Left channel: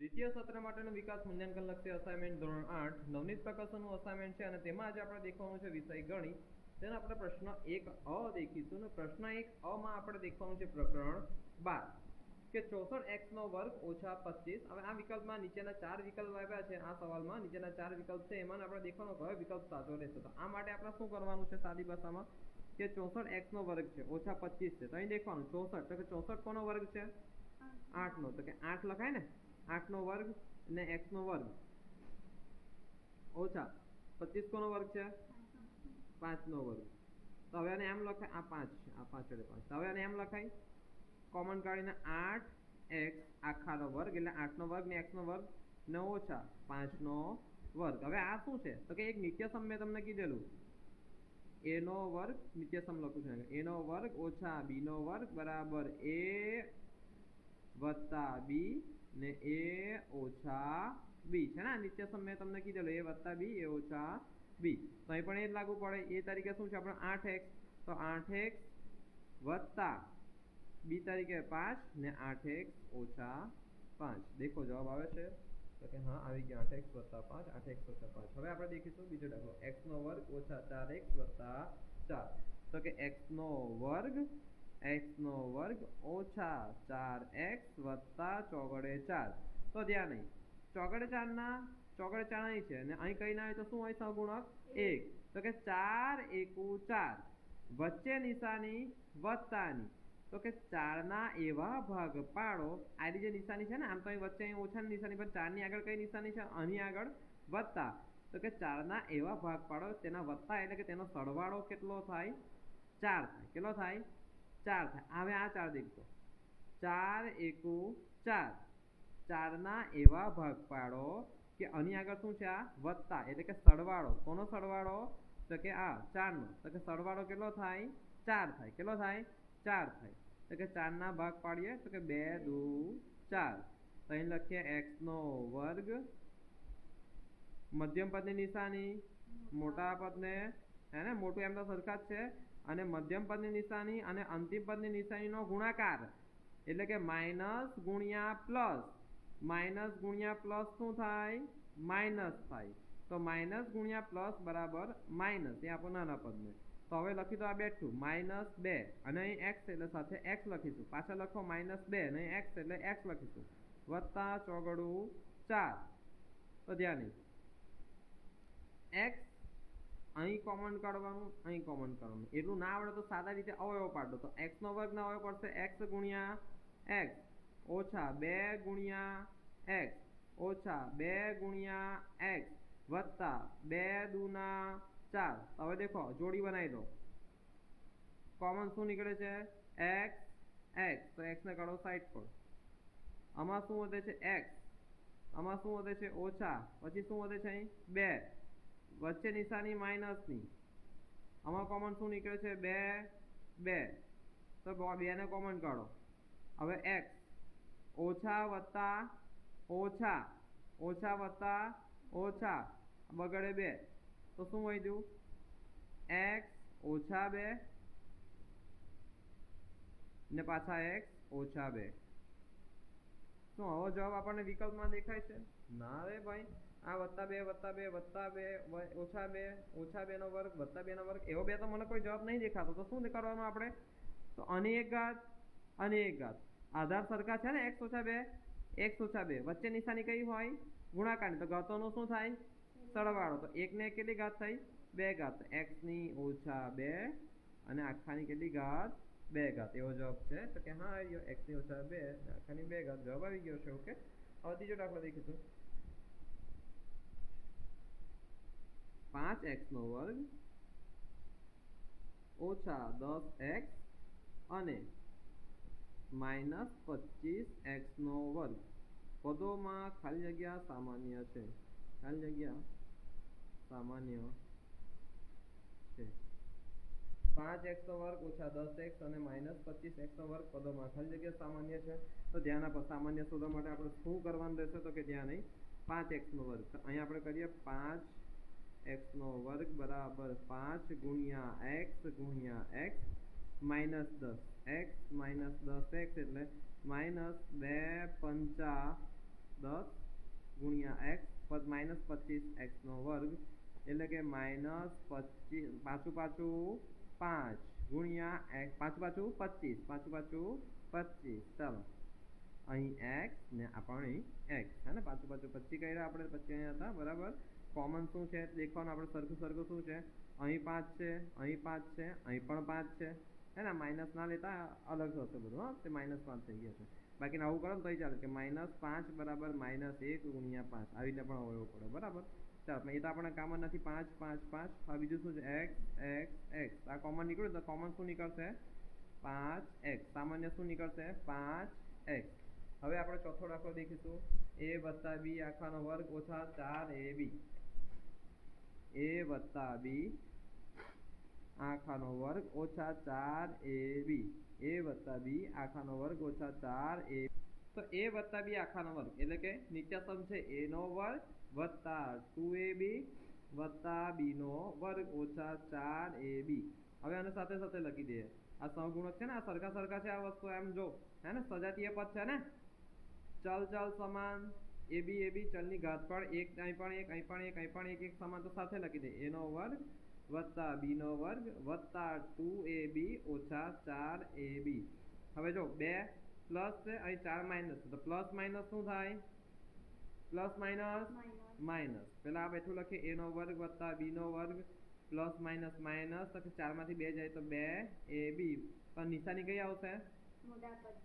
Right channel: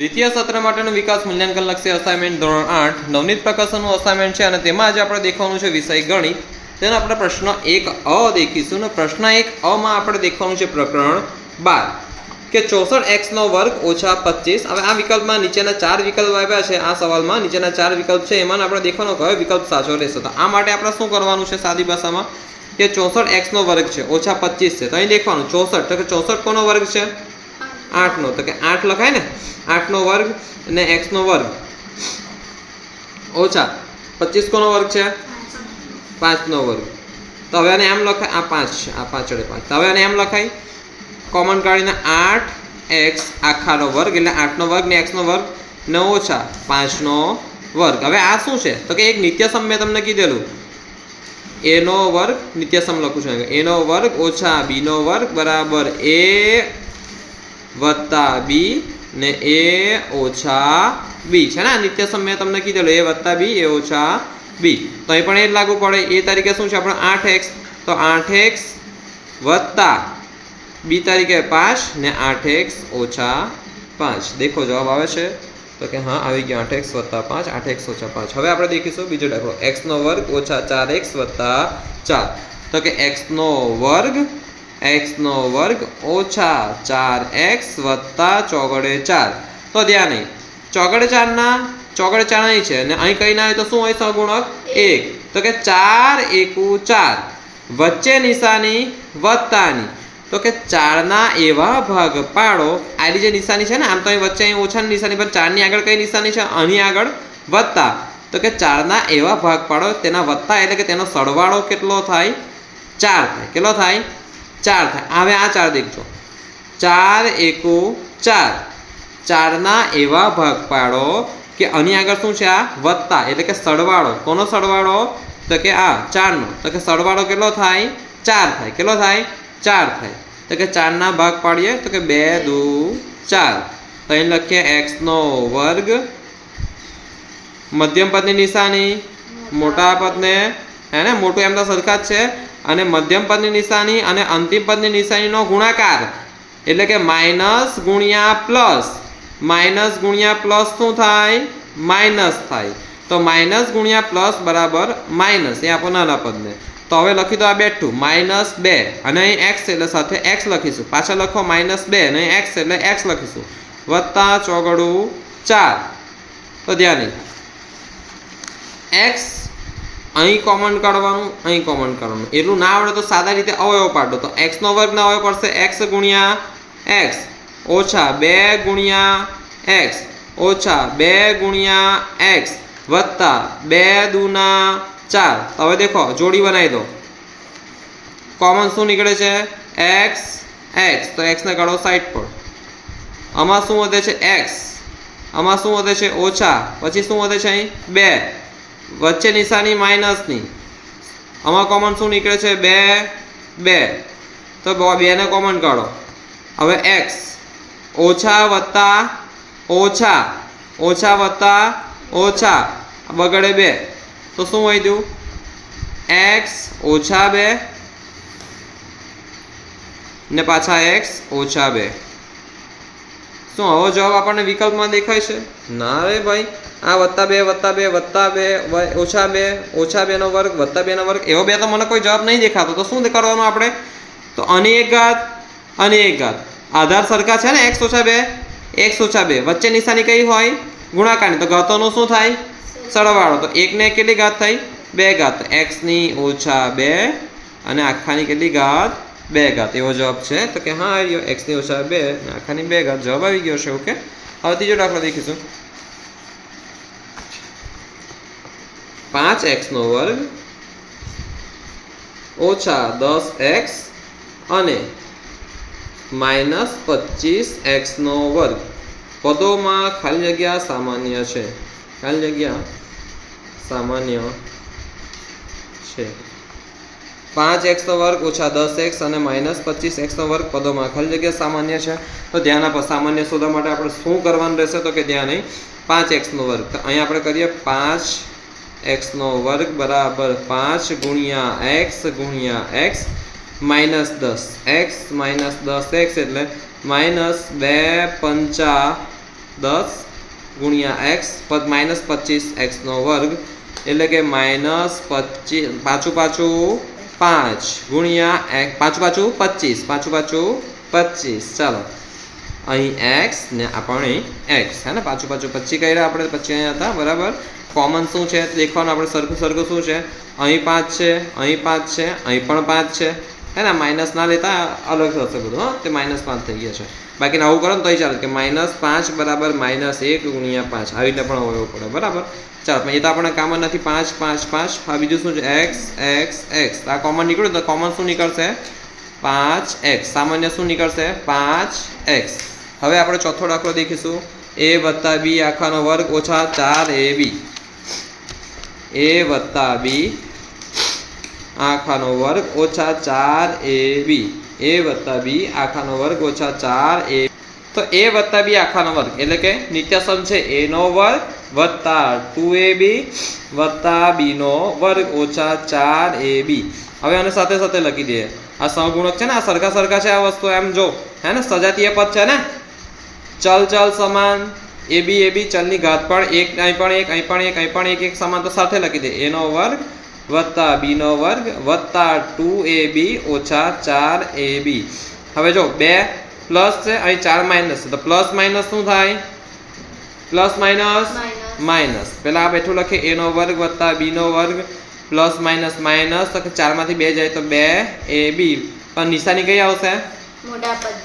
દ્વિતીય સત્ર માટેનું વિકાસ મૂલ્યાંકન લક્ષી અસાઇનમેન્ટ ધોરણ 8 નવનીત પ્રકાશનનું અસાઇનમેન્ટ છે અને તેમાં આજે આપણે દેખવાનું છે વિષય ગણિત. તેનો આપણે પ્રશ્ન 1 અ દેખીશું અને પ્રશ્ન 1 અ માં આપણે દેખવાનું છે પ્રકરણ 12 કે 64x નો વર્ગ ઓછા 25. હવે આ વિકલ્પમાં નીચેના 4 વિકલ્પ આપ્યા છે. આ સવાલમાં નીચેના 4 વિકલ્પ છે, એમાં આપણે દેખવાનો કયો વિકલ્પ સાચો રહેશે. તો આ માટે આપણે શું કરવાનું છે સાદી ભાષામાં કે 64x નો વર્ગ છે ઓછા 25 છે. તો અહીં દેખવાનું 64 તો કે 64 કોનો વર્ગ છે? 8 નો. તો કે 8 લખાય ને, 8 નો વર્ગ અને x નો વર્ગ ઓછા 25 કોનો વર્ગ છે? 5 નો વર્ગ. તો હવે આને એમ લખાય, આ 5 છે, આ પાછળ 5. તો હવે આને એમ લખાય કોમન કાઢીને 8x આખાનો વર્ગ એટલે 8 નો વર્ગ ને x નો વર્ગ ને ઓછા 5 નો વર્ગ. હવે આ શું છે? તો કે એક નિત્યસમ મેં તમને કીધેલું, a નો વર્ગ નિત્યસમ લખું છું, a નો વર્ગ ઓછા b નો વર્ગ બરાબર a વત્તા b ને a ઓછા b છે ને. નિત્યસમ મેં તમને કીધેલું a વત્તા b a ઓછા b. તો અહીં પણ એ જ લાગુ પડે. a તરીકે શું છે આપણે 8x, તો 8x વત્તા b તરીકે 5 ને 8x ઓછા 5. દેખો જવાબ આવે છે. તો કે હા આવી ગયો 8x વત્તા 5, 8x ઓછા 5. હવે આપણે દેખીશું બીજો દાખલો, x નો વર્ગ ઓછા 4x વત્તા 4. તો કે x નો વર્ગ ઓછા 4x વત્તા ચોગડે 4. તો ધ્યાન નહીં, ચોગડે 4 ના અહીં છે અને અહીં કઈ ના હોય તો શું હોય? સહગુણક 1. તો કે 4 એકુ 4, વચ્ચે નિશાની વત્તાની. તો કે 4 ના એવા ભાગ પાડો, આની જે નિશાની છે ને, આમ તો અહીં વચ્ચે અહીં ઓછાની નિશાની, પણ 4 ની આગળ કઈ નિશાની છે? અહીં આગળ વત્તા. તો કે 4 ના એવા ભાગ પાડો, તેના વત્તા એટલે કે તેનો સરવાળો કેટલો થાય? 4 થાય. કેટલો થાય? 4 થાય. હવે આ 4 દેખજો, 4 એકુ 4, 4 ના એવા ભાગ પાડો કે આની આગળ શું છે? આ વત્તા એટલે કે સરવાળો. કોનો સરવાળો? તો કે આ 4 નો. તો કે સરવાળો કેટલો થાય? 4 થાય. કેટલો થાય? 4 થાય. તો કે 4 ના ભાગ પાડીએ તો કે 2 દુ 4. તો અહીં લખીએ x નો વર્ગ, મધ્યમ પદની નિશાની મોટા પદને, હે ને, મોટું એમ તો સરખા જ છે, અને મધ્યમ પદની નિશાની અને અંતિમ પદની નિશાનીનો ગુણાકાર એટલે કે માઇનસ ગુણ્યા પ્લસ. માઇનસ ગુણ્યા પ્લસ શું થાય? માઇનસ થાય. તો માઇનસ ગુણ્યા પ્લસ બરાબર માઇનસ, એ આપો નાના પદને. તો હવે લખી દો આ બેઠું -2 અને અહીં x એટલે સાથે x લખીશું, પાછા લખો -2 અને અહીં x એટલે x લખીશું, વત્તા ચોગડું 4. તો ધ્યાન નહીં, x અહીં કોમન કાઢવાનું, અહીં કોમન કાઢવાનું. એટલું ના આવડે તો સાદા રીતે અવયવ પાડો. તો x નો વર્ગ ના અવયવ પડશે x ગુણ્યા x ઓછા 2 ગુણ્યા x ઓછા 2 ગુણ્યા x વત્તા 2 દુના 4. હવે દેખો જોડી બનાવી દો. કોમન શું નીકળે છે? x x. તો x ને કાઢો સાઈડ પર. આમાં શું વધે છે? x. આમાં શું વધે છે? ઓછા. પછી શું વધે છે? અહીં 2, વચ્ચે નિશાની માઇનસની. આમાં કોમન શું નીકળે છે? 2. તો 2 ને કોમન કાઢો. હવે x ઓછા વત્તા ઓછા, ઓછા વત્તા ઓછા બગડે 2. તો શું વધ્યું? x ઓછા 2 ને પાછા x ઓછા 2. શું આવો જવાબ આપણને વિકલ્પમાં દેખાય છે? ના રે ભાઈ, આ +2 +2 +2 ઓછા 2 ઓછા 2 નો વર્ગ વત્તા 2 નો વર્ગ, એવો 2 તો મને કોઈ જવાબ નહીં દેખાતો. તો શું કરવાનું આપણે? તો આની એક ઘાત અને એક ઘાત, આધાર સરખા છે ને, x ઓછા 2 x ઓછા 2, વચ્ચે નિશાની કઈ હોય? ગુણાકારની. તો ઘાતોનું શું થાય? સરવાળો. તો 1 ને કેટલી ઘાત થઈ? 2 ઘાત. x ની ઓછા 2 અને આખાની કેટલી ઘાત? 2 ઘાત. એવો જવાબ છે. તો કે હા આવ્યો, x ની ઓછા 2 અને આખાની 2 ઘાત. જવાબ આવી ગયો છે. ઓકે, હવે ત્રીજો દાખલો દેખીશું. 5x નો વર્ગ ઓછા 10x અને -25x નો વર્ગ પદોમાં ખાલી જગ્યા સામાન્ય છે. ખાલી જગ્યા સામાન્ય છે. 5x નો વર્ગ ઓછા 10x અને -25x નો વર્ગ પદોમાં ખાલી જગ્યા સામાન્ય છે. તો ધ્યાન આપો, સામાન્ય શોધવા માટે આપણે શું કરવાનું રહેશે? તો કે ધ્યાન નહીં, 5x નો વર્ગ. તો અહીં આપણે કરીએ 5x નો વર્ગ બરાબર 5 ગુણ્યા x ગુણ્યા x -10x એટલે -2 × 5 10 ગુણ્યા x પદ -25x² એટલે કે -25 પાછું 5 ગુણ્યા પાછું 25 ચાલો અહીં x ને આપણે x હે ને પાછું 25 કર્યા આપણે 25 અહીંયા હતા બરાબર કોમન શું છે દેખવાનું આપણે સરખું શું છે અહીં 5 છે અહીં 5 છે અહીં પણ 5 છે હે ને માઇનસ ના લેતા અલગ થશે બધું હા તે -5 થઈ ગયા છે બાકી આવું કરો ને તોય ચાલે કે -5 બરાબર -1 ગુણ્યા 5 આવી રીતે પણ હોવું પડે બરાબર ચાલો એ તો આપણે કામન નથી 5 5 5 આ બીજું શું છે x આ કોમન નીકળ્યું તો કોમન શું નીકળશે 5x સામાન્ય શું નીકળશે 5x હવે આપણે ચોથો દાખલો દેખીશું a + b આખાનો વર્ગ ઓછા 4ab a + b આખાનો વર્ગ ઓછા 4ab a + b આખાનો વર્ગ ઓછા 4ab તો a + b આખાનો વર્ગ એટલે કે નિત્યસમ છે a નો વર્ગ વત્તા 2ab વત્તા b નો વર્ગ ઓછા 4ab હવે આને સાથે સાથે લખી દઈએ આ સહગુણક છે ને આ સરખા છે આ વસ્તુ એમ જો હે ને સજાતીય પદ છે ને ચલ સમાન ab ચલની ઘાત પણ 1 અહીં પણ 1 સમાન તો સાથે લખી દે a નો વર્ગ વત્તા b નો વર્ગ વત્તા 2ab ઓછા 4ab હવે જો 2 પ્લસ છે અહીં 4 માઇનસ છે તો પ્લસ માઇનસ શું થાય પ્લસ માઇનસ પહેલા આ બેઠું લખીએ a નો વર્ગ વત્તા b નો વર્ગ પ્લસ માઇનસ તો 4 માંથી 2 જાય તો 2ab પણ નિશાની કઈ આવશે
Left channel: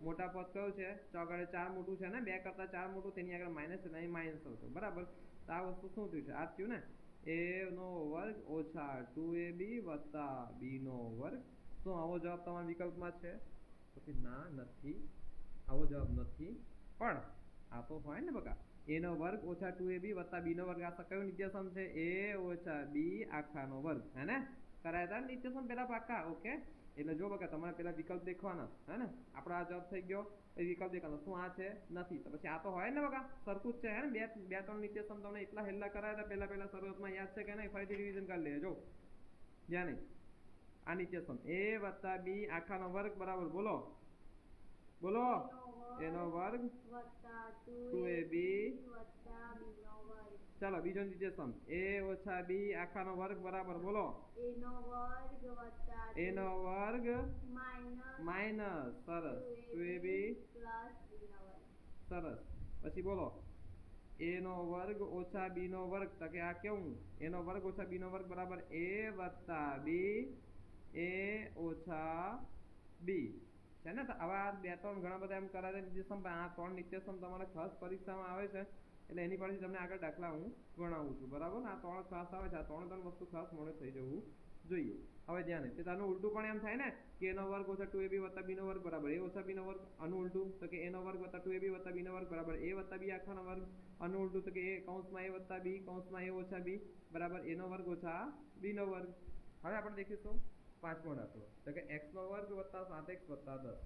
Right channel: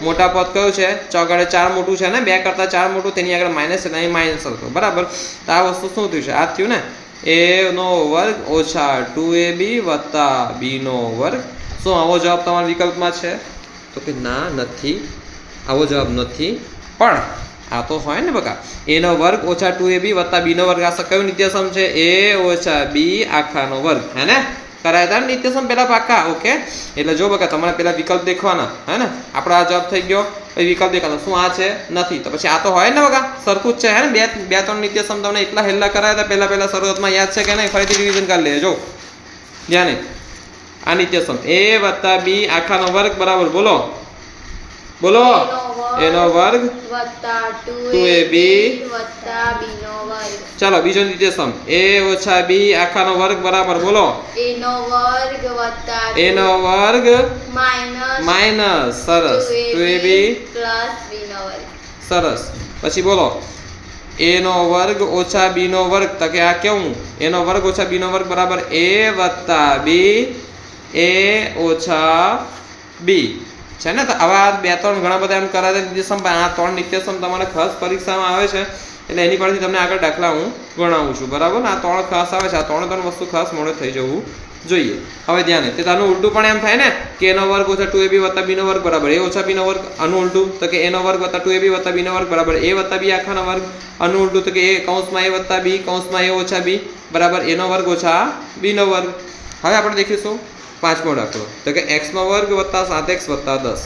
મોટા પદ કયું છે ચોગડે 4 મોટું છે ને 2 કરતા 4 મોટું તેની આગળ માઇનસ છે અહીં માઇનસ હતો બરાબર તો આ વસ્તુ શું થયું છે આ થયું ને a નો વર્ગ ઓછા 2ab વત્તા b નો વર્ગ શું આવો જવાબ તમારા વિકલ્પમાં છે તો કે ના નથી આવો જવાબ નથી પણ આ તો હોય ને બકા a નો વર્ગ ઓછા 2ab વત્તા b નો વર્ગ આ કયું નિત્યસમ છે a ઓછા b આખાનો વર્ગ હે ને કરાય હતા નિત્યસમ પેલા પાકા ઓકે એટલે જો બકા તમારે પેલા વિકલ્પ દેખવાના હે ને આપણો આ જવાબ થઈ ગયો પછી વિકલ્પ દેખાતો શું આ છે નથી તો પછી આ તો હોય ને બકા સરખું જ છે હે ને બે ત્રણ નિત્યસમ તમને એટલા હેલ્લા કરાયા હતા પહેલા શરૂઆતમાં યાદ છે કે નહીં ફરીથી રિવિઝન કરી લેજો ધ્યાને આ નિત્યસમ a વત્તા b આખાનો વર્ગ બરાબર બોલો a નો વર્ગ વત્તા 2ab વત્તા b નો વર્ગ ચાલો બીજો નિત્યસમ a ઓછા b આખાનો વર્ગ બરાબર બોલો a નો વર્ગ માઈનસ સરસ 2ab પ્લસ b નો વર્ગ સરસ પછી બોલો a નો વર્ગ ઓછા b નો વર્ગ તો કે આ કેવું a નો વર્ગ ઓછા b નો વર્ગ બરાબર a વત્તા b a ઓછા b છે ને તો આવા 2-3 ઘણા બધા એમ કરાતા નિત્યસમ આ 3 નિત્યસમ તમારે ખાસ પરીક્ષામાં આવે છે એટલે એની પરથી તમને આગળ દાખલા હું ગણાવું છું બરાબર આ 3 ખાસ આવે છે આ 3 વસ્તુ ખાસ મોડે થઈ જવું જોઈએ હવે ધ્યાને તે તાનું ઉલટું પણ એમ થાય ને કે a નો વર્ગ ઓછા 2ab વત્તા b નો વર્ગ બરાબર a ઓછા b નો વર્ગ આનું ઉલટું તો કે a નો વર્ગ વત્તા 2ab વત્તા b નો વર્ગ બરાબર a વત્તા b આખાનો વર્ગ આનું ઉલટું તો કે a કૌંસમાં a વત્તા b કૌંસમાં a ઓછા b બરાબર a નો વર્ગ ઓછા b નો વર્ગ હવે આપણે દેખીશું પાંચમો દાખલો તો કે x નો વર્ગ વત્તા 7x વત્તા 10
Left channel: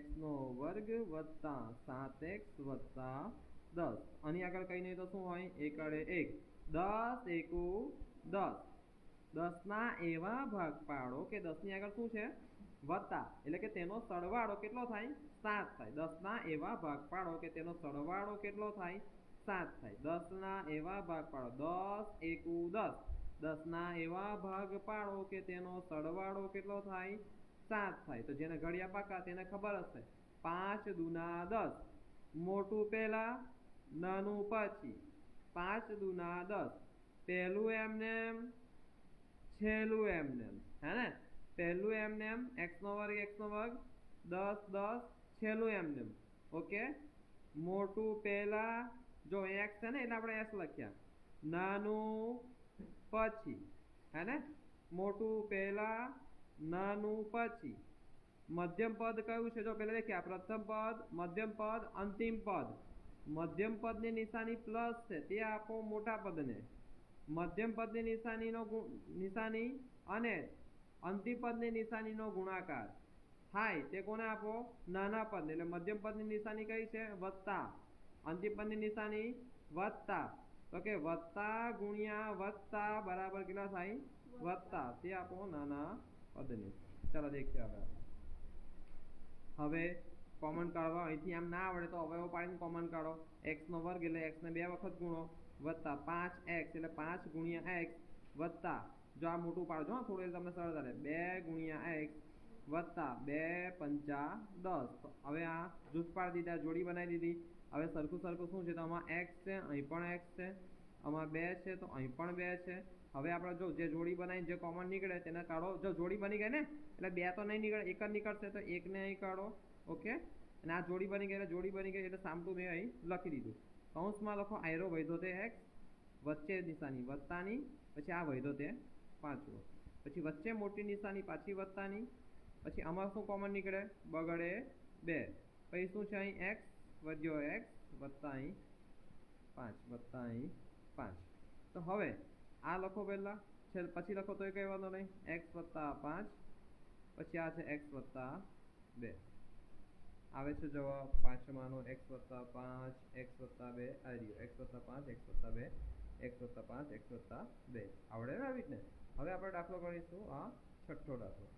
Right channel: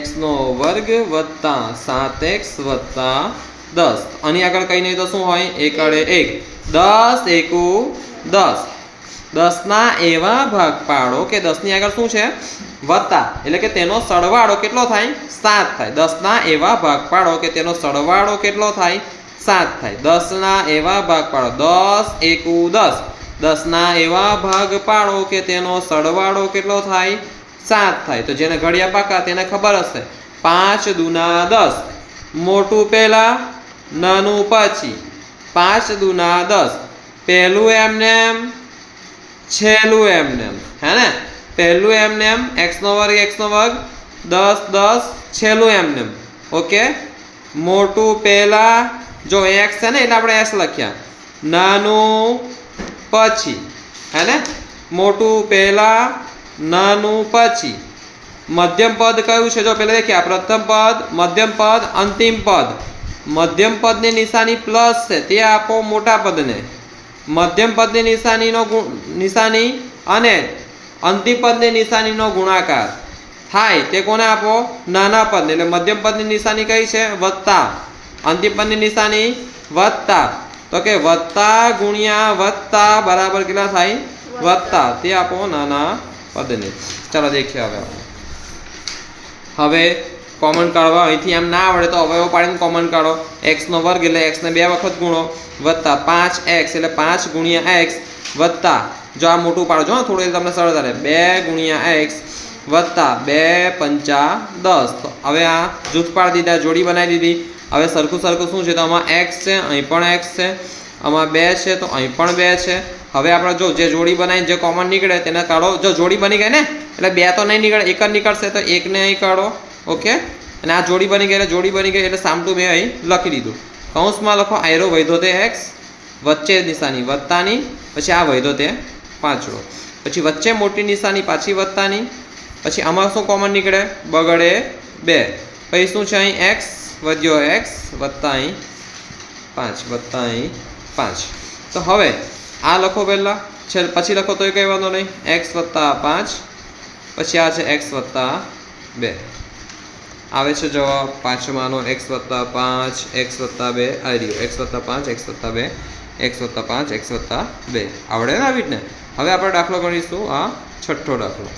x નો વર્ગ વત્તા 7x વત્તા 10 આની આગળ કઈ નહીં તો શું હોય 1 અડે 1 10 એકુ 10 10 ના એવા ભાગ પાડો કે 10 ની આગળ શું છે વત્તા એટલે કે તેનો સરવાળો કેટલો થાય 7 થાય 10 ના એવા ભાગ પાડો કે તેનો સરવાળો કેટલો થાય 7 થાય 10 ના એવા ભાગ પાડો 10 એકુ 10 10 ના એવા ભાગ પાડો કે તેનો સરવાળો કેટલો થાય 7 થાય તો જેને ઘડિયા પાકા તેને ખબર હશે 5 દુના 10 મોટું પહેલા નાનું પછી 5 દુના 10 પહેલું એમનેમ છેલ્લું એમનેમ હે ને પહેલું એમનેમ x નો વર્ગ 10 10 છેલ્લું એમનેમ ઓકે મોટું પહેલા જો x છે ને એટલે આપણે s લખ્યા નાનું પછી હે ને મોટું પહેલા નાનું પછી મધ્યમ પદ કયું છે જો પહેલા દેખ્યા પ્રથમ પદ મધ્યમ પદ અંતિમ પદ મધ્યમ પદની નિશાની પ્લસ છે તે આપો મોટા પદને મધ્યમ પદની નિશાની અને અંતિમ પદની નિશાનીનો ગુણાકાર થાય તે કોને આપો નાના પદને એટલે મધ્યમ પદની નિશાની કઈ છે વત્તા અંતિમ પદની નિશાની વત્તા તો કે વત્તા ગુણ્યા વત્તા બરાબર કેટલા થાય વત્તા તે આપો નાના પદને ચાલો દેખીએ હવે કોમન કાઢવા અહીંથી એમ ના આવડે તો અવયવ પાડીને કોમન કાઢો. એક્સનો વર્ગ એટલે એક્સને 2 વખત ગુણો વત્તા 5x એટલે 5 ગુણ્યા x વત્તા જો આ મોટું પાડો જો થોડું તમને સરળતા રહે 2 ગુણ્યા x વત્તા 2 પંચા 10. તો હવે આ જૂથ પાડી દીધા, જોડી બનાવી દીધી. હવે સરખું શું છે તો આમાં x છે, અહીં પણ x છે, આમાં 2 છે તો અહીં પણ 2 છે. હવે આપણે જો જે જોડી બનાવીને જે કોમન નીકળે તેને કાઢો. જો જોડી બની ગઈ ને એટલે 2 તો નહીં નીકળે, એક જ નીકળશે તો 1 ને અહીં કાઢો. ઓકે, અને આ જોડી બની ગઈ એટલે સામટું મેં અહીં લખી દીધું. કૌંસમાં લખો આયરો વૈધો તે x, વચ્ચે નિશાની વત્તાની, પછી આ વૈધો તે પાંચડો, પછી વચ્ચે મોટી નિશાની પાછી વત્તાની, પછી આમાં શું કોમન નીકળે બગડે 2, પછી શું છે અહીં x વધ્યો x વત્તા અહીં 5 વત્તા અહીં 5. તો હવે આ લખો પહેલાં, પછી લખો તોય કંઈ વાંધો નહીં. x વત્તા 5 પછી આ છે x વત્તા 2 આવે છે જવાબ પાંચમાનો x વત્તા 5 x વત્તા 2 આવી રહ્યો. x વત્તા 5 x વત્તા 2 x વત્તા 5 x વત્તા 2 આવડે ને આવી જ ને. હવે આપણે દાખલો ગણીશું આ છઠ્ઠો દાખલો.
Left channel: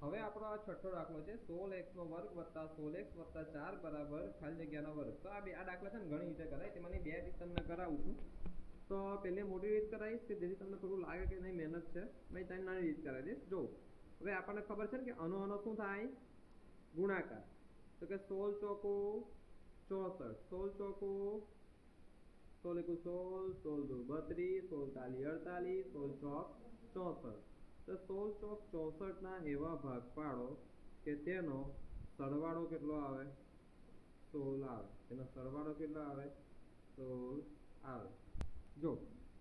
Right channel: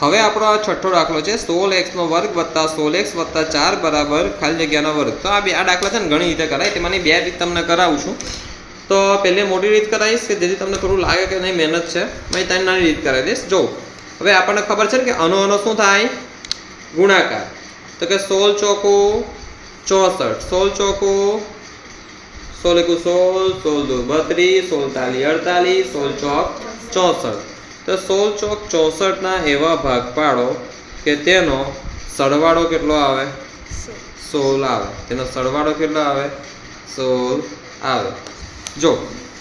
હવે આપણો આ છઠ્ઠો દાખલો છે 16x નો વર્ગ વત્તા 16x વત્તા 4 બરાબર ખાલી જગ્યાનો વર્ગ. તો આ દાખલા છે ને ઘણી રીતે કરાય, તેમાંની 2 રીત તમને કરાવું છું. તો પહેલી મોટી રીત કરાવીશ કે જેથી તમને થોડું લાગે કે નહીં મહેનત છે, મેં ત્રણ નાની રીત કરાવી દઈશ. જો હવે આપણને ખબર છે ને કે આનો શું થાય ગુણાકાર. તો કે 16 ચોકું 64, 16 ચોકું 16 એકુ 16, 16 દુ 32, 16 તાલી 48, 16 ચોક 64. તો 16 ચોક 64 ના એવા ભાગ પાડો કે તેનો સરવાળો કેટલો આવે 16 આવે. તેનો સરવાળો કેટલો આવે 16 આવે. જો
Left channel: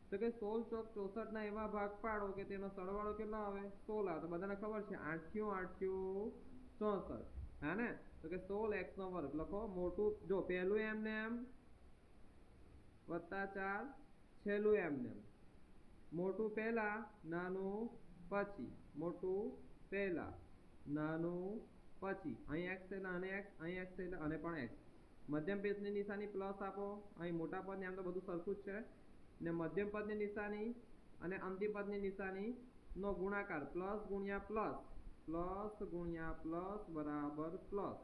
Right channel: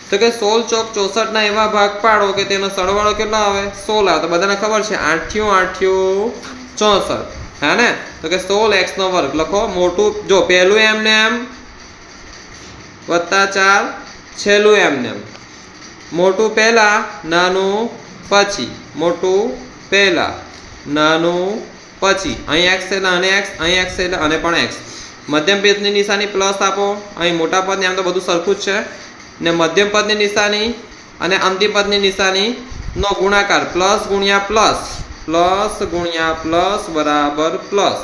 તો કે 16 ચોક 64 ના એવા ભાગ પાડો કે તેનો સરવાળો કેટલો આવે 16 આવે. તો બધાને ખબર છે 8 8 64, હા ને. તો કે 16x નો વર્ગ લખો મોટું, જો પહેલું એમને એમ વત્તા 4 છેલ્લું એમને એમ, મોટું પહેલા નાનું પછી, મોટું પહેલા નાનું પછી. અહીં x એટલે અને x, અહીં x એટલે અને પણ x. મધ્યમ પદની નિશાની પ્લસ આપો. અહીં મોટા પદની આમ તો બધું સરખું જ છે ને. મધ્યમ પદની નિશાની અને અંતિમ પદની નિશાની નો ગુણાકાર પ્લસ ગુણ્યા પ્લસ, પ્લસ ગુણ્યા પ્લસ બરાબર પ્લસ.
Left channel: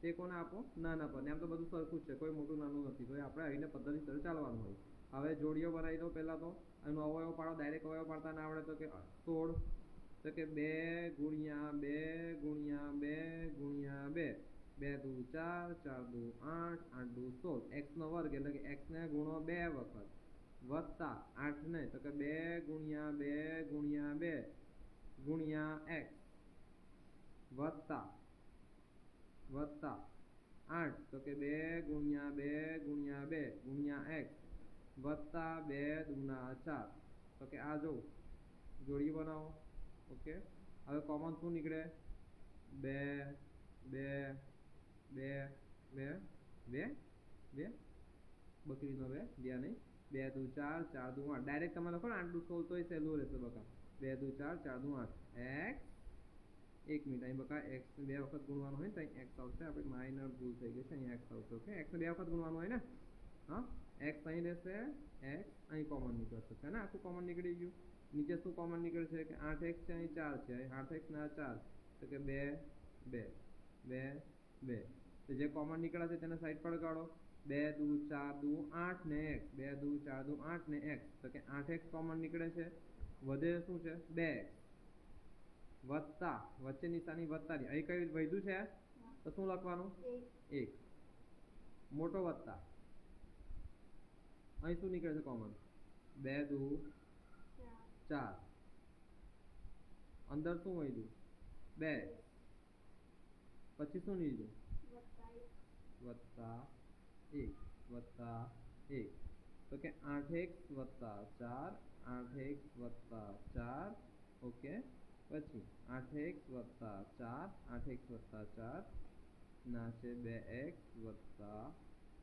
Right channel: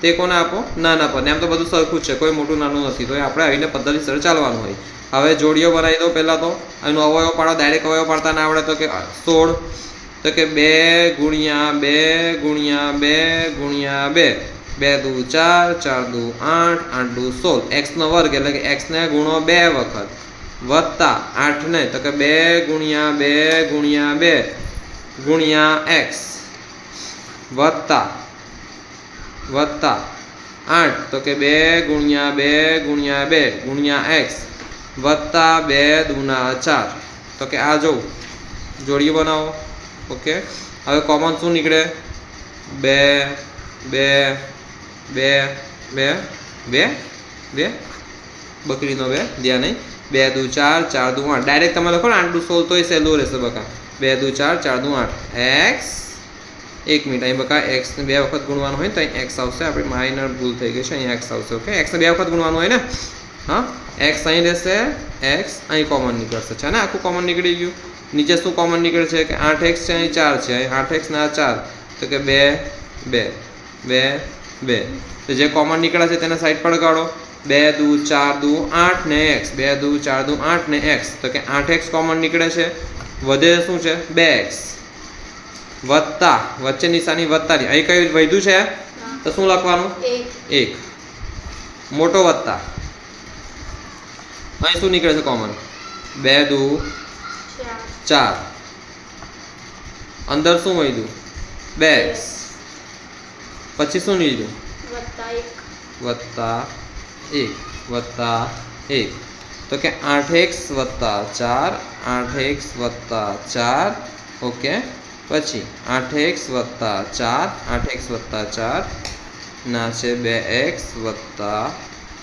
તે કોને આપો નાના પદને. આમ તો બધું સરખું જ છે, કોઈ મોટું નાનું નથી. તો આપણે આવીને પદ્ધતિસર ચાલવાનું હોય. હવે જોડીઓ બનાવી દો પહેલાં. તો એનો અવયવ પાડો. ડાયરેક્ટ અવયવ પાડતા ના આવડે તો કે 16. તો કે 2 ગુણ્યા 2 ગુણ્યા 2 ગુણ્યા 2, 2 દુ 4, 4 દુ 8, 8 દુ 16. x નો વર્ગ એટલે કે x ને ગુણો 2 વખત વત્તા 8 ને તો કે 2 ગુણ્યા 2 ગુણ્યા 2 ગુણ્યા x વત્તા 8 તો કે 2 ગુણ્યા 2 ગુણ્યા 2 ગુણ્યા x વત્તા 2 દુના 4. તો કે આ જો જોડી બનાવો. ઓકે, હવે કોમન શું નીકળે 2 2 2 2 2 2 બકરીનો 2 ધ્યાન નહીં. 2 દુ 4, 4 દુ 8. ડાયરેક્ટ તમે લખો ને 8 દુ 16 તો એ સહેલું રહેશે બકા. 2 દુ 4, 4 દુ 8 x. એક મિનિટ, અહીં બકા x ને 2 વખત ગુણવાનું હોય તો અહીં x આવશે. આપણી માઇનર ભૂલ થઈ ગઈ છે, અહીં x આવશે. ઓકે, x ને 2 વખત ગુણવાનું હોય ને. હા, x અહીં રહેશે, x અહીં કોમન નીકળશે છે ને. આખું કોમન નીકળી ગયું. નીચે શું કોમન નીકળે છે કે 8x છે, અહીં 4 છે, અહીં 8x ના 4 તો કે 2 2 2 2. તો જે કોમન નીકળે છે તેને સાઈડ પર કાઢો. 2 દુ 4 દુ 8 ને x, 2 દુ 4 દુ 8 ને x. તો કે 8x કોમન નીકળે છે. વધે શું છે 2x વત્તા વચ્ચે નિશાની વત્તાની. અહીં કઈ વધ્યું છે તો શું લખવાનું 1. મોટો વત્તા અહીં શું નીકળે છે કોમન 2 દુ 4. અંદર શું વધ્યું 2x. પછી શું નીકળ્યું વત્તા 1 વત્તા 1. તો કે 8x વત્તા 4, 8x વત્તા 4. ઓકે, પછી 8x વત્તા 4, 8x વત્તા 4 ના છે 2x વત્તા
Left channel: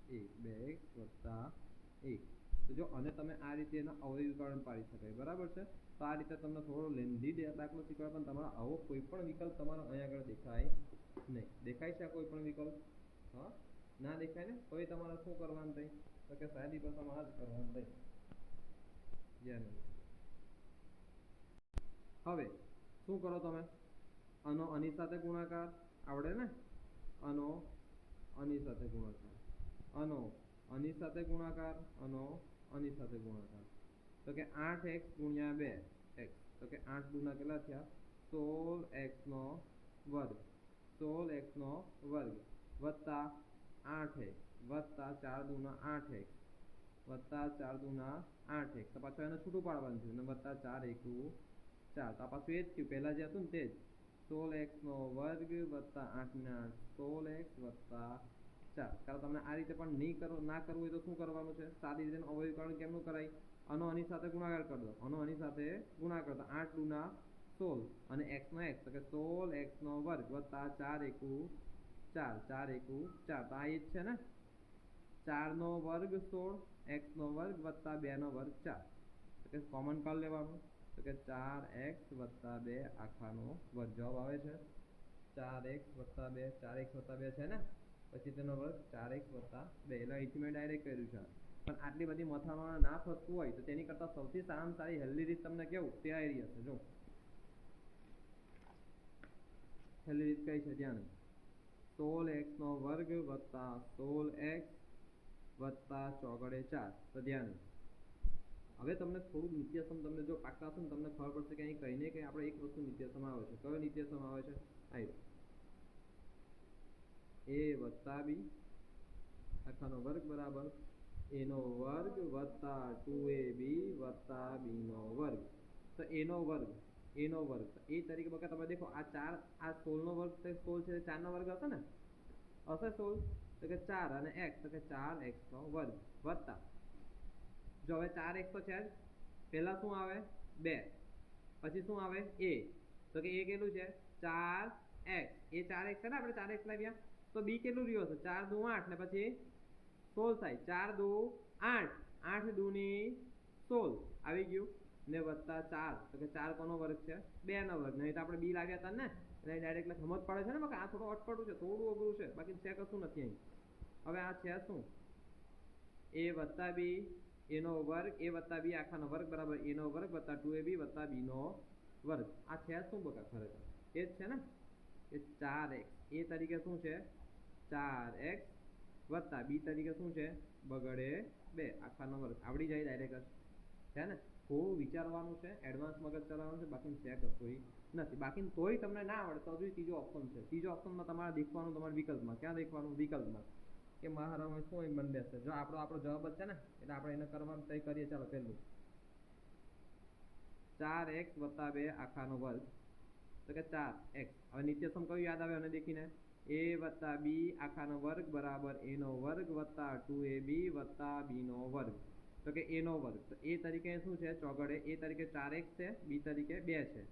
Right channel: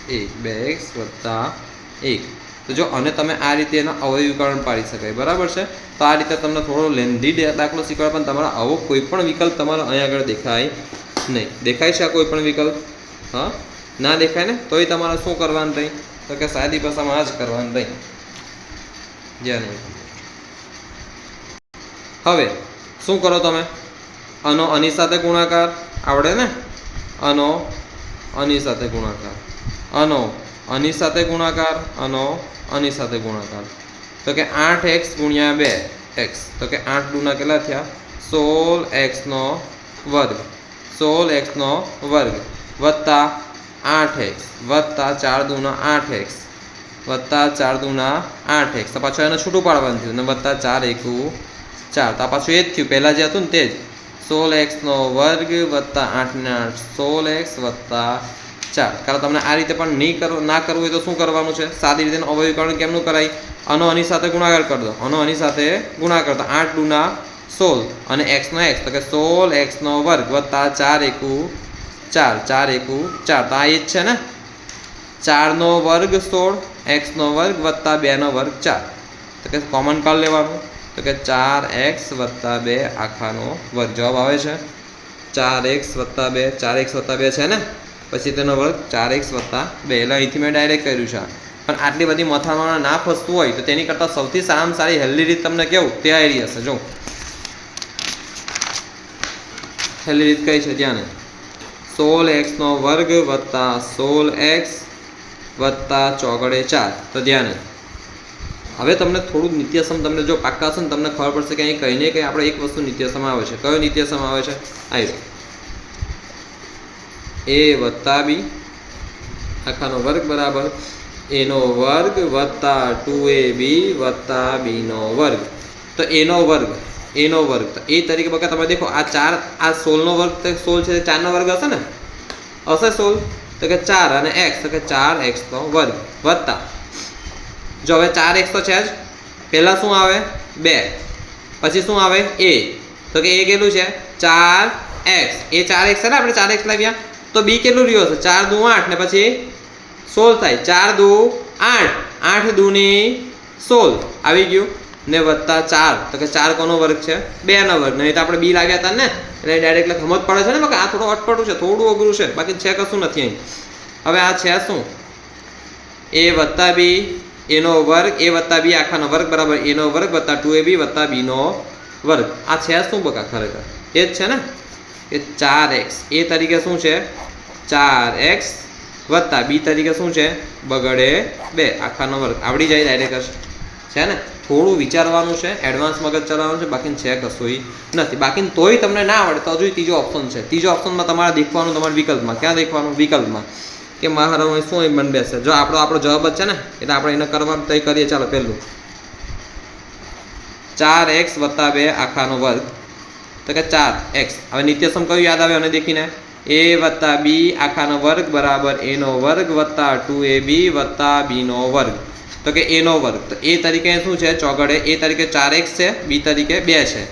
1, 2x વત્તા 1. તો જો અને તમે આ રીતે એના અવયવીકરણ પાડી શકાય. બરાબર છે. તો આ રીતે તમને થોડો લેન્ધી દાખલો શીખવાડે, પણ તમારા આવો કોઈ પણ વિકલ્પ તમારો અહીં આગળ દેખાય નહીં. દેખાય છે આ કોઈ પણ વિકલ્પ? હા, ના દેખાય ને. તોય તમારે શું કરવાનું રહી તો કે સાદી ભાષામાં આ જ કરવાનું રહી. જ્યાં નહીં. હવે શું કરો તમે? આનો આની સાથે ગુણાકાર આવડે ને. આનો આની સાથે ગુણાકાર, આનો આની સાથે ગુણાકાર, આનો આની સાથે ગુણાકાર. તો કે 8x ગુણ્યા 2x, તો કે 8 દુના કેટલા થયા? 16x નો વર્ગ, 16x નો વર્ગ વત્તા 8x વત્તા 4 દુના 8x વત્તા 4 દુના 8x. તો પાછું એને છૂટું પાડવાનું થયું અને વત્તા 4 એકુ 4. તો પાછું એ જ થયું પહેલાં જે હતું ને તે જ 16x નો વર્ગ વત્તા 8 ને 8 16x વત્તા 4. કારણ તમને આ રીતે પણ નહીં કરવું ના કરવું હોય તો શું કરવાનું છે? સાદી રીતે અવયવીકરણ કેમનું કરાય? આનો આની સાથે ગુણાકાર કરી દો, આનો આની સાથે ગુણાકાર તો 8 દુના 16 અને x નો x, તો કે 16x નો વર્ગ વત્તા 4 એકુ 4 4 એકુ 4. તો આ એ જ છે ને, 4 નો વર્ગ 16 x નો વર્ગ વત્તા 2 નો વર્ગ 4. તો કે કોમન કાઢી લેવાનું, તો કે 4x વત્તા 2 આખાનો વર્ગ. જવાબ આવે છે 4x વત્તા 2, 4x વત્તા 2 છે ને, પછી તેનો વર્ગ 4x વત્તા 2. એટલે અહીંથી મેં ડાયરેક્ટ કર્યું છે. પણ આટલી બધી મથામાં ના ફસતું હોય તો તેની કરતાં સૌથી સારામાં સારી હેલ્ધી રીત તમને કેવું તે આવી હશે. જો હેલ્ધી રીત કઈ છે ધ્યાન, 16x નો વર્ગ વત્તા 16x વત્તા ચોગડે 4. તો ધ્યાન હવે તમને થોડું નિત્યસમ તમને જો પાક્કા હશે ને તમને ખબર પડશે કે અહીં કંઈ ને કંઈ આપણે એક વસ્તુ નિત્યસમ આવે છે. કયો નિત્યસમ આવે છે? આવ્યો a વત્તા b આખાનો વર્ગ બરાબર a નો વર્ગ વત્તા 2ab વત્તા b નો વર્ગ. તો a નો વર્ગ તો એ તરીકે બકા તમે દેખો આ 4 આ 16 નો વર્ગ 16 છે 4 નો વર્ગ હશે ને, હશે 16, તો કે 4 અને x, તો કે 4x નો વર્ગ વત્તા જો હવે 4x તો છે જ, પહેલા શું આવે 2, પછી શું આવે a, તો કે a કેટલું છે 4x, એ 4x છે ને આપણે 4x લાવ્યા, તો b કેટલું રહ્યું હશે 4 દુ 8 ને પછી 16 થાય, 4 દુ 8 8 દુની 16 આવી ગયું ને વત્તા 4, તો કે 4 કોનો વર્ગ છે 2 નો વર્ગ. નહીં તો આપણે b લાવ્યા હતા ને એટલે ડાયરેક્ટ સમજ પડે છે ને કે આ થોડું અટપટું છે, થોડું અઘરું છે, બાકી છે કશું નથી અહીં. હવે આ છે શું a વત્તા b એનો વર્ગ, a વત્તા b આખાનો વર્ગ બરાબર a નો વર્ગ વત્તા 2ab વત્તા b નો વર્ગ. આ છે શું બકા ખરેખર એ જ છે ને કે 4x એ તરીકે શું છે 4x વત્તા b તરીકે શું છે બગડે 2 આખાનો વર્ગ. આવડી જાય ડાયરેક્ટ છે ને, થોડું વિચારવાનું છે, એડવાન્સ મગજ ચલાવવાનું છે, બાકી છે કશું નથી. બાકી તોય તમને ના આવડે તો હજુ ત્રીજો ઓપ્શન છે. ત્રીજો ઓપ્શનમાં તમારે દેખવાનું તમારા વિકલ્પમાં. ક્યાં દેખવાનું? વિકલ્પમાં કે મારા શું બન બેસે. જો આપણો જવાબ જ છે ને એટલે આપણે એને કરવાનું તય કરીએ. ચાલો પહેલું 4x વત્તા 2 આખાનો વર્ગ, તો કે 4x. હવે નિત્યસમ કયું યાદ આવે અને દેખીને a વત્તા b આખાનો વર્ગ બરાબર a નો વર્ગ વત્તા 2ab વત્તા b નો વર્ગ, તો કે a નો વર્ગ. તો a તરીકે શું છે ચોગડે, a તરીકે 4x છે, b તરીકે 2 છે,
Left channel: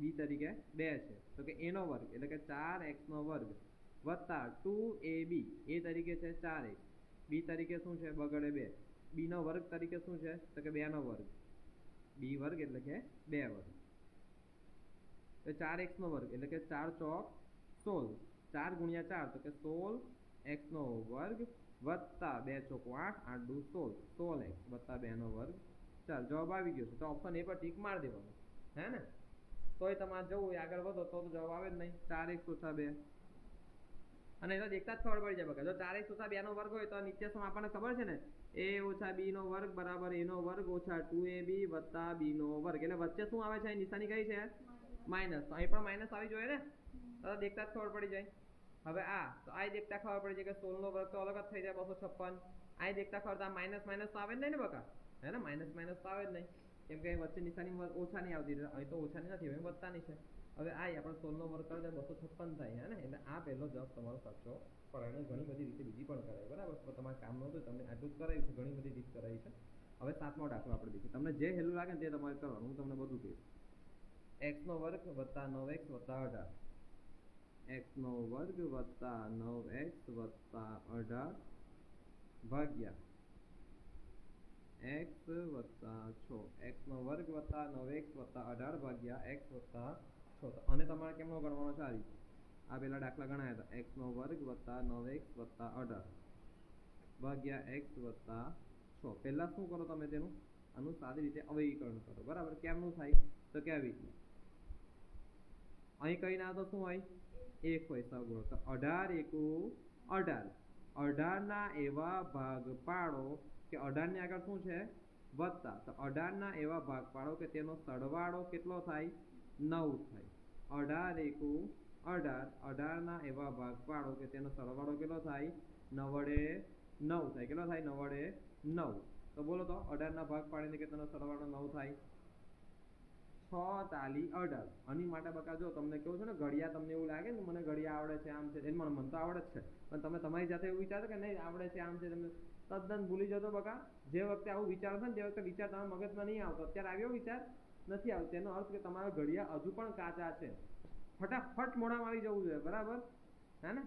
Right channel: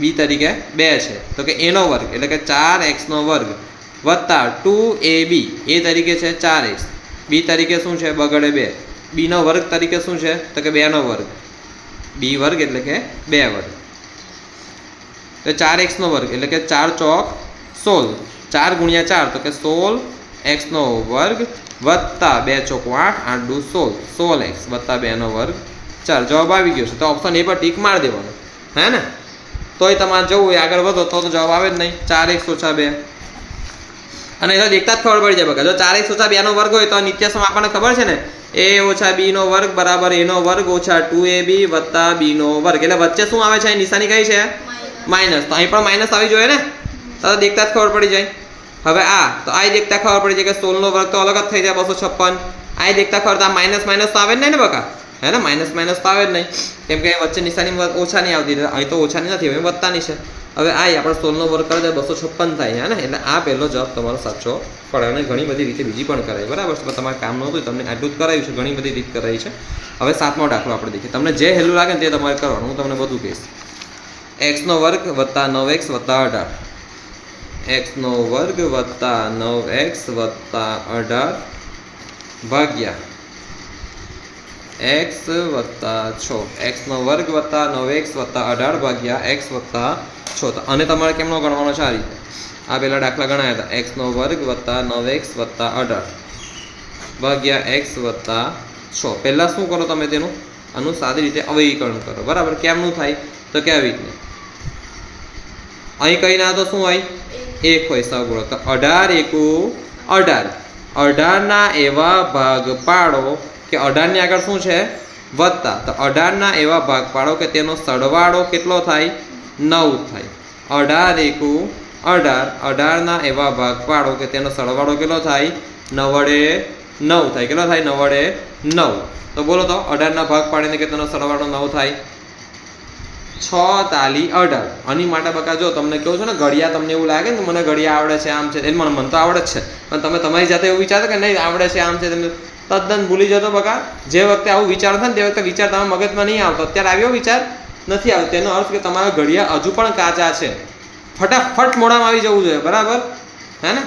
b તરીકે 2 છે, તો કે a નો વર્ગ એટલે કે 4x નો વર્ગ વત્તા 2ab, a તરીકે છે 4x, b તરીકે શું છે બગડે 2, b નો વર્ગ તરીકે શું છે તો કે 2 નો વર્ગ, b વર્ગ એટલે કે 2 વર્ગ, તો 4x નો વર્ગ એટલે કે 4 ચોક 16, 4 ગુણ્યા 4 તો કે 16x નો વર્ગ વત્તા 2 ચોક 8, 8 દુ 16, 16x વત્તા 2 નો વર્ગ 4. જવાબ આવી ગયો છે. તો ઓપ્શન એ પર ટીક મારી દેવાનો હે ને, તોય તમારે જવું હોય આગળ વધો તો જવાબ આવે જ નહીં 4x ઓછા 2. અને એ તો દેખતા જ ખબર પડી જાય બકા, જો 4x ઓછા 2 નો વર્ગ હોય તો નિત્યસમ આપણને ખબર છે ને a ઓછા b નો વર્ગ બરાબર a નો વર્ગ ઓછા 2ab વત્તા b નો વર્ગ. એટલે વચ્ચે શું આવે છે નિશાની કઈ છે માઇનસ, તો અહીં પણ માઇનસ આવી જોઈએ ને, તો દેખતા જ ખબર પડી જાય. હવે આ તો આ દેખતા ખબર પડી જાય કે 16 નો વર્ગ તો અલગ જ થઈ જાય 256, આ દેખતા ખબર તો આ માઇનસ માઇનસ તો આવે જ નહીં ને બકા, હે ને માઇનસ માઇનસ તો આવે જ નહીં, કેમ કે વચ્ચે નિશાની ઓછાની આવતી, અહીં તો ઓછાની નથી હવે વત્તાની છે. હવે આ આપણે 16 નો વર્ગ કરે તો 256 થાય હે ને, એટલે આ પહેલો જવાબ તમારો સાચો પડે. અને ઘણી બધી રીતે બીજી પણ કરાય બરાબર છે, તમારે કામ નહોતું તમને આટલું જ કરાવ્યું છે, ઘણી બધી રીત કરાવી છે. હવે 7મો દાખલો આપણે દેખીએ, તમને જે હેલું લાગે ને તે તમારે કરવાનું, હું તમને બધું કહીશ. x નો વર્ગ વત્તા 9x વત્તા 18, x નો વર્ગ વત્તા 9x વત્તા 18 ભાગ્યા x વત્તા 6, x નો વર્ગ વત્તા 9x વત્તા 18 ભાગ્યા x વત્તા 6. અને તમારે કેમનો ગણવાનો છે આ રીતે, આ પહેલા દાખલા ગણાયા હતા x નો વર્ગ વત્તા 9x વત્તા 18 ભાગ્યા x વત્તા 6. પહેલાં શું કરો તમે તેનું આનું સાદી રીતે અવયવીકરણ કરો બરાબર. કેમનું થાય તો કે આવી રીતે અહીં કઈ ના તો શું હોય 1 હોય સગુણક, તો 18 એકુ 18 18ના એવા ભાગ પાડો કે 18 ની આગળ શું છે વત્તા તો 18ના એવા ભાગ પાડો કે તેનો સરવાળો કેટલો થાય 9 થાય 18 એકુ 18 18ના એવા ભાગ પાડો કે તેનો સરવાળો કેટલો થાય 9 વડે 9 થાય કેટલો થાય 9 વડે 9 તો બોલો તો 18ના ભાગ પાડીને કે તેનો સરવાળો 9 થાય 6 તાલી 18 આની માટે બકા જો તમને કહું છું ને ઘડિયા તમને એવું લાગે ને કે મને ઘડિયા આવડે છે આમ છે એટલે મને તો આવડે જ છે પણ તમે તમારી જાતે એવું વિચારો કે નહીં આવડે છે આમ છે તમને તદ્દન ભૂલી જતો બકા જે વખતે આવું વિચારો થાય ને તે વખતે વિચાર તમારા મગજમાં નહીં આવતો અત્યારે આવ્યો વિચાર નથી આવતો તેનો અર્થ કે તમારા ઘડિયા હજુ પણ કાચા છે ફટાફટ મોઢામાં આવી જવું જોઈએ બરાબર હે ને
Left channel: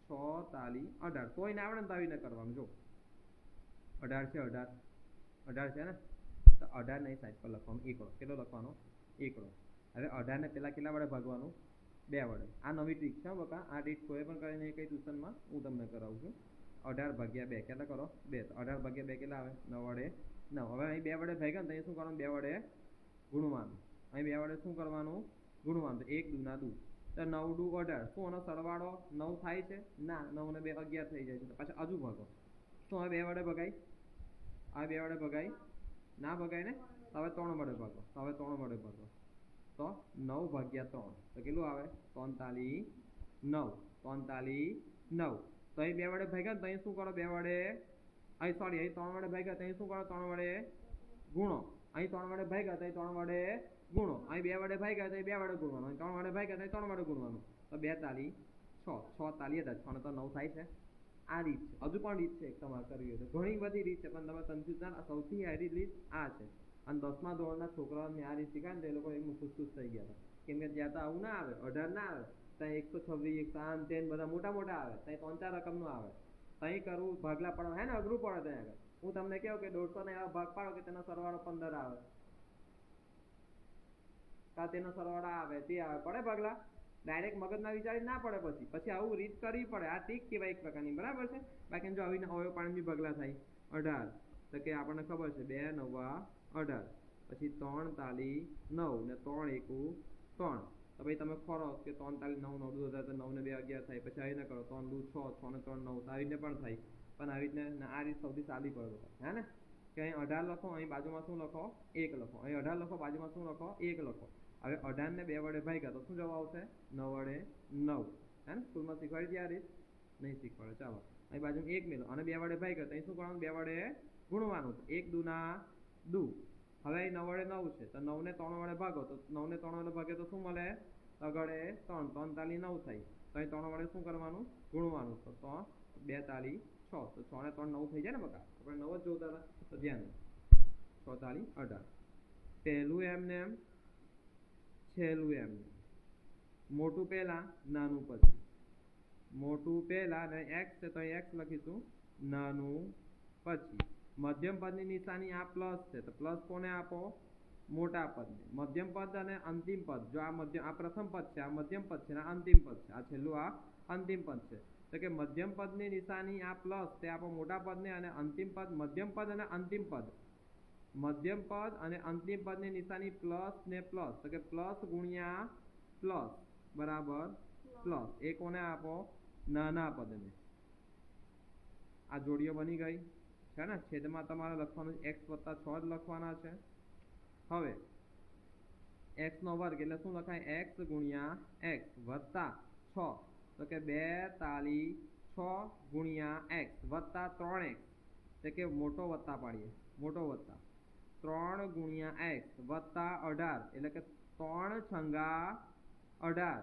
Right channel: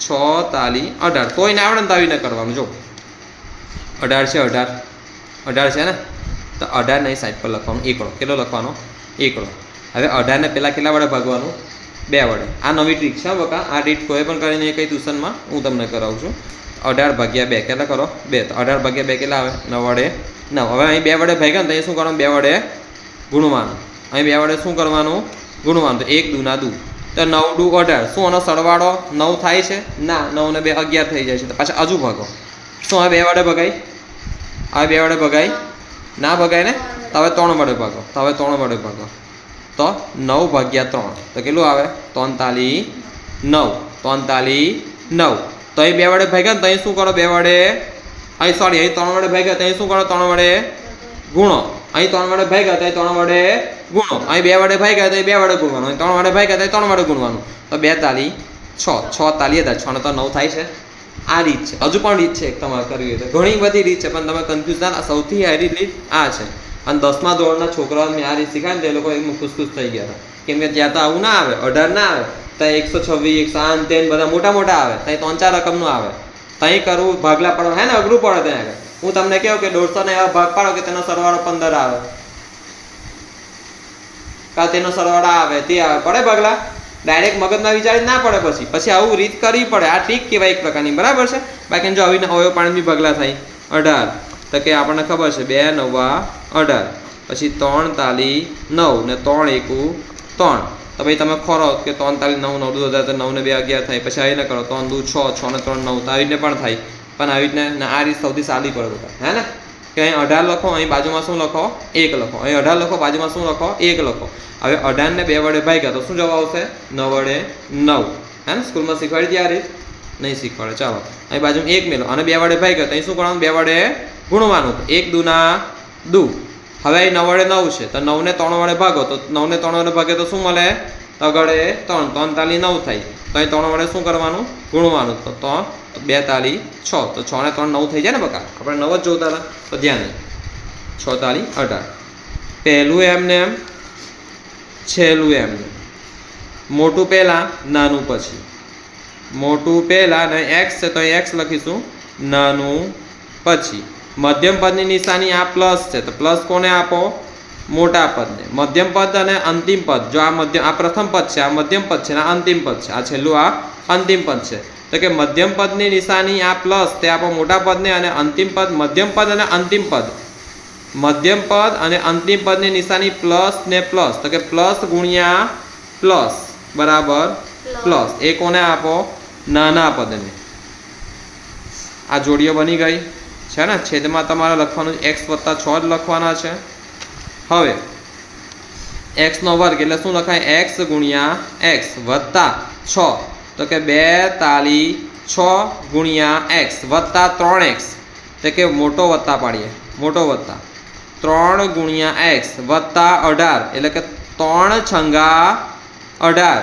6 તાલી 18 કોઈને આવડે ને તો આવીને કરવાનું જો 18 છે 18 છે ને તો 18 ને સાઈડ પર લખવાનું એકડો કેટલો લખવાનો એકડો હવે 18 ને પહેલાં કેટલા વડે ભાગવાનું 2 વડે આ નવી ટ્રીક છે બકા આ ટ્રીક કોઈ પણ કરીને કઈ ટ્યુશનમાં હું તમને કરાવું છું 18 ભાગ્યા 2 કેટલા કરો 2 તો 18 ભાગ્યા 2 કેટલા આવે 9 વડે 9 હવે અહીં 2 વડે ભાગ્યા ને તો અહીં શું કરવાનું 2 વડે ગુણવાનું અહીં 2 વડે શું કરવાનું ગુણવાનું તો 1 દૂના દૂ તો 9 દૂ 18 શું આનો સરવાળો 9 થાય છે ના 9 ને 2 11 થઈ જાય છે તો પાછા હજુ ભાગો શું હવે 2 વડે ભગાય હવે 2 વડે ભગાય ના ભગાય ને તો હવે 3 વડે ભાગો તો હવે 3 વડે ભાગો તો 9 ભાગ્યા 3 તો કેટલું આવે 43 9 તો અહીં 2 વડે ભાગ્યા ને તો અહીં શું કરો 2 વડે અહીં સોરી અહીં 3 વડે ભાગ્યા તો અહીં શું કરો 3 વડે ગુણો અહીં 3 વડે ભાગ્યા તો અહીં 3 વડે ગુણો અહીં 2 વડે ભાગ્યા તો અહીં 2 વડે ગુણવાનું અહીં 3 વડે ભાગ્યા તો અહીં 3 વડે ગુણવાનું તો 2 તાલી 6 તાલી 6 ને તો 9 થાય છે આ રીત છે હજુ પણ રીત છે એક તમારે કરવી હોય તો ઘણી બધી રીત છે પણ તમે કન્ફ્યુઝ ના સૌથી હારી રીત આ છે અને 10મા ધોરણના છોકરાઓને મેં આ રીત શીખાય ને તો એ લોકો એકદમ ખુશ થઈ ગયા હતા કેમ કે ત્યાં તો આવું ના આવે 18 ના આવે ત્યાં 126 108 તેન બધા મોટા આવે ત્યાં 3-4 રકમનું આવે ત્યાં કરવું ભાગલા પાડવા હે ને અઘરું પડે ત્યાં આગળ હું તમને કહું કે 150 ને એવા ભાગ પાડો કે તેનો સરવાળો 15 આવે કા તેનો સરવાળો આવે તે આવે પડે ભાગલા ડાયરેક્ટ મગજમાં વિચારી ના પડે પછી આવું રીત કરવી પડે આ ટ્રીક કહેવાય એક પ્રકારની બરાબર છે બાકી જો આવીને અવયવ પાણી બી ભાગલા થાય 18 તો કે આપણને ખબર છે 2 9 18 પછી 3 તાલી 9 ને 3 એકુ 3 તો ભાઈ તમે ખોરો કે 3 તાલી 9 9 દૂ 18 તો 9 ને 2 11 થાય પછી આવીને કરો 3 દૂ 6 6 ને 3 9 તો આવીને પણ થાય પણ આવી રીતને આ રીત સૌથી સાદી પડે હે ને કે અહીં 18 લખો અહીં બાજુમાં શું લખો 1 લખો અહીં 18 લખો બાજુમાં શું લખો 1 લખો હવે 18 ને 2 વડે ભાગ્યા તો શું જવાબ આવશે 9 વડે 9 હે ને સ્કૂલમાં શીખવાડી હતી આ રીત નહીં શીખવાડે ચાલો અહીં બાજુમાં 1 મેલો અને 2 વડે ભાગ્યા તો અહીં શું કરવાનું 2 વડે ગુણવાનું 1 દૂના દૂ હવે અહીં 9 વડે 9 છે તો 9 ને 3 વડે ભાગો તો 9 ને 3 વડે ભાગે તો શું મળે તગડે 3 તાલી 9 થાય તો અહીં 3 વડે શું કરવાનું ગુણવાનું તો 2 તાલી 6 તો 6 ને 3 9 થઈ જાય ને બકા આપણે 9 જ જોતા હતા તો ધ્યાન નહીં 6 તાલી 18 પહેલું એમને એમ છેલ્લું એમને મોટું પહેલાં નાનું પછી મોટું પહેલાં ને x છે તો અહીં x લખીશું નાનું પછી મધ્યમ પદની નિશાની આ પ્લસ છે તો પ્લસ કોને આપો મોટા પદને મધ્યમ પદ અને અંતિમ પદ જો આ પ્રથમ પદ છે આ મધ્યમ પદ છે આ અંતિમ પદ છે આ છેલ્લું આ અંતિમ પદ છે તો કે મધ્યમ પદની નિશાની આ પ્લસ તે આપો મોટા પદને અને અંતિમ પદ મધ્યમ પદ અને અંતિમ પદ મધ્યમ પદ અને અંતિમ પદની નિશાની પ્લસ ને પ્લસ તો કે પ્લસ ગુણ્યા પ્લસ બરાબર પ્લસ એ કોને આપો નાના પદને આ જોડીઓ બની ગઈ છે ને છેદમાં તમારે લખવાનું x + 6 જ લખવાના છે હવે x નો વર્ગ એટલે શું લખાય x ગુણ્યા x વત્તા 6 તો કે 2 તાલી 6 ગુણ્યા x વત્તા 3x તો કે મોટો વત્તા પાડીએ મોટો વત્તા 3 ગુણ્યા x વત્તા 18 એટલે કે 3 છંગા 18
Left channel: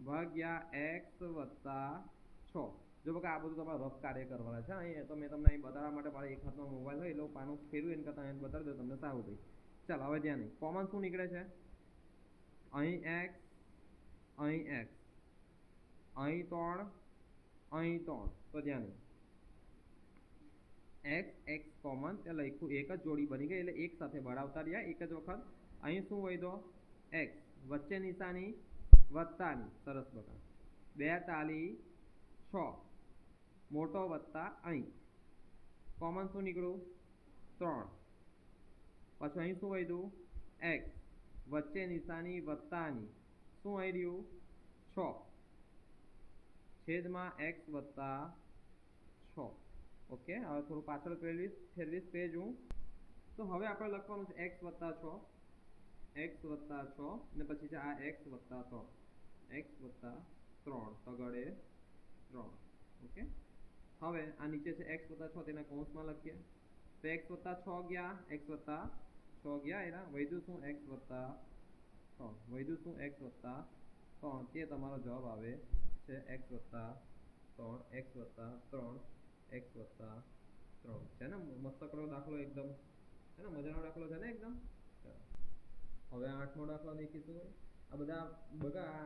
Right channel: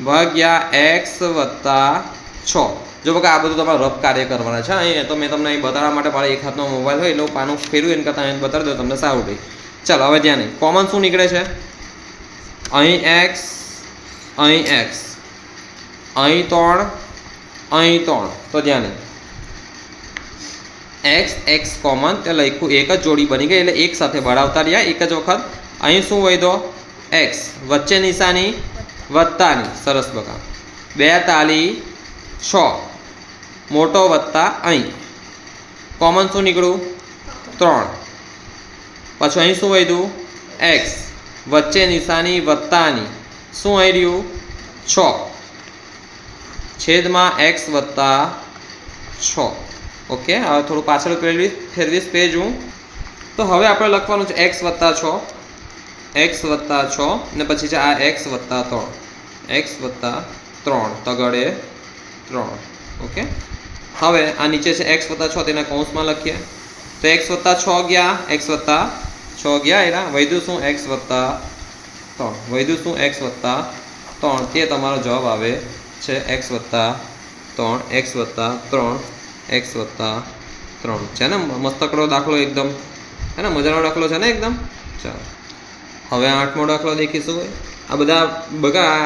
ભાગ્યા x વત્તા 6 જો બકા આ બધું તમારે રફ કાર્ય કરવાના છે અહીં તો મેં તમને અહીં બતાવવા માટે મારા એક હાથનો મોબાઈલ હોય એટલે હું પાનું ફેરવું એને કરતાં અહીં બતાવી દઉં તમને સારું રહે ચાલો હવે ધ્યાન નહીં કોમન શું નીકળે છે અહીં x અહીં x અહીં 3 અહીં 3 તો ધ્યાન નહીં x કોમન તે લખ્યું એક જ જોડી બની ગઈ એટલે એક સાથે ભરાવતા રહ્યા એક જ વખત અહીં શું વધ્યો x વચ્ચે નિશાની વત્તાની સરસ બકા 2 તાલી 6 મોટો વત્તા અહીં કોમન શું નીકળ્યું 3 પાછું અહીં શું વધ્યું x વચ્ચે નિશાની વત્તાની શું અહીં રહ્યું 6 છેદમાં x વત્તા 6. ઓકે, હવે થોડું પાછળ ફેરવીશ પેજ હું. તો હવે આપણે લખવાનું છે x વત્તા 6 ને પછી છે આ x વત્તા 3 તગડે 3. ઓકે, હવે આ નીચે છે x વત્તા 6 તેના કૌંસમાં લખીએ. તો x વત્તા 6 ગયા, x વત્તા 6 ગયા, એના વધ્યું શું x વત્તા 3. તે તમારો જવાબ આવે છે x વત્તા 3 છે ને. મસ્તકડો દાખલો એકદમ, હે ને, મજાનો દાખલો છે ને એકદમ. ચાલો હવે 8મો દાખલો દેખીશું. આ બધા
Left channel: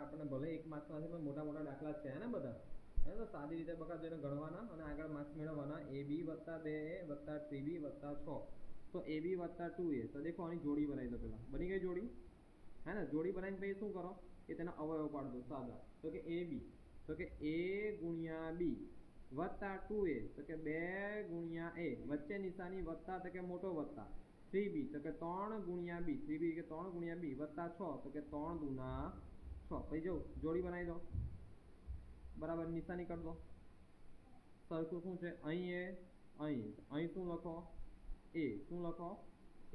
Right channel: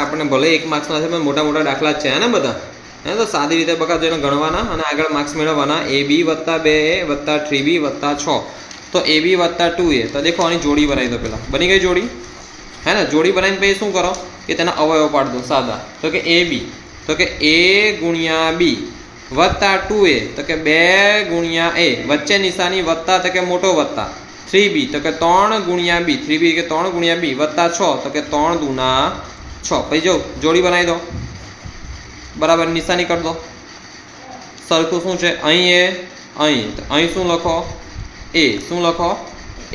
આપણને ભલે 1 માર્ક્સના છે પણ મોટા મોટા દાખલા જ છે, હે ને બધા. હે તો સાદી રીતે બકા જેને ગણવાના અને આગળ માર્ક્સ મેળવવાના. AB વત્તા 2A વત્તા 3B વત્તા 6. તો AB વત્તા 2A. તો દેખો આની જોડી બનાવી દો. પહેલાં બની ગઈ જોડી, હે ને. જોડી બનાવીને પછી શું કરો કે તેના અવયવ પાડી દો સાદા. તો કે AB, તો કે A ગુણ્યા B વત્તા 2A, તો કે 2 ગુણ્યા A, વચ્ચે નિશાની વત્તા, તો કે મોટો વત્તા 3B, તો કે 3 ગુણ્યા B, 3B કે 3 ગુણ્યા B વત્તા 6, તો કે 3 દુના 6. પછી જો જોડી બનાવી દો, બરાબર નિશાની કરી દો. સરખું શું છે અહીં તો અહીં શું લખો A, શું લખો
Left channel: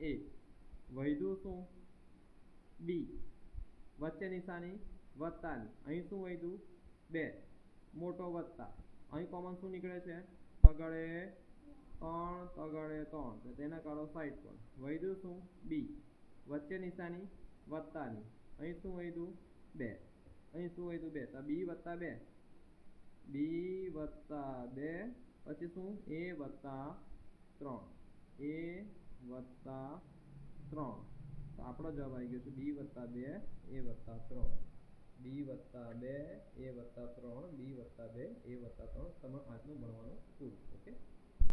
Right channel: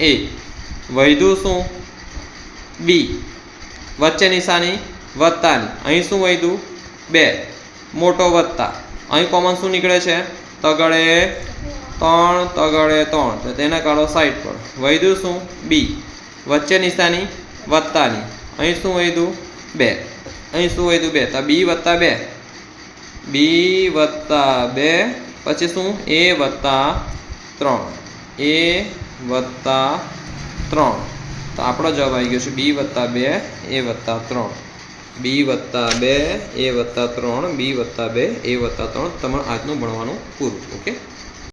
A. વધ્યું શું B, વચ્ચે નિશાની વત્તાની, અહીં શું વધ્યું 2, મોટો વત્તા, અહીં કોમન શું નીકળે છે તગડે 3, તો તેને કાઢો સાઈડ પર. વધ્યું શું B, વચ્ચે નિશાની વત્તાની, અહીં શું વધ્યું 2, અહીં શું વધ્યું 2, તો B વત્તા 2, પછી શું A વત્તા 3. તો આપણો જવાબ આવી ગયો છે B વત્તા 2 A વત્તા 3. B વત્તા 2 A વત્તા 3, B વત્તા 2 A વત્તા 3. તમારું આજનું ભણવાનું પૂરું. ઓકે.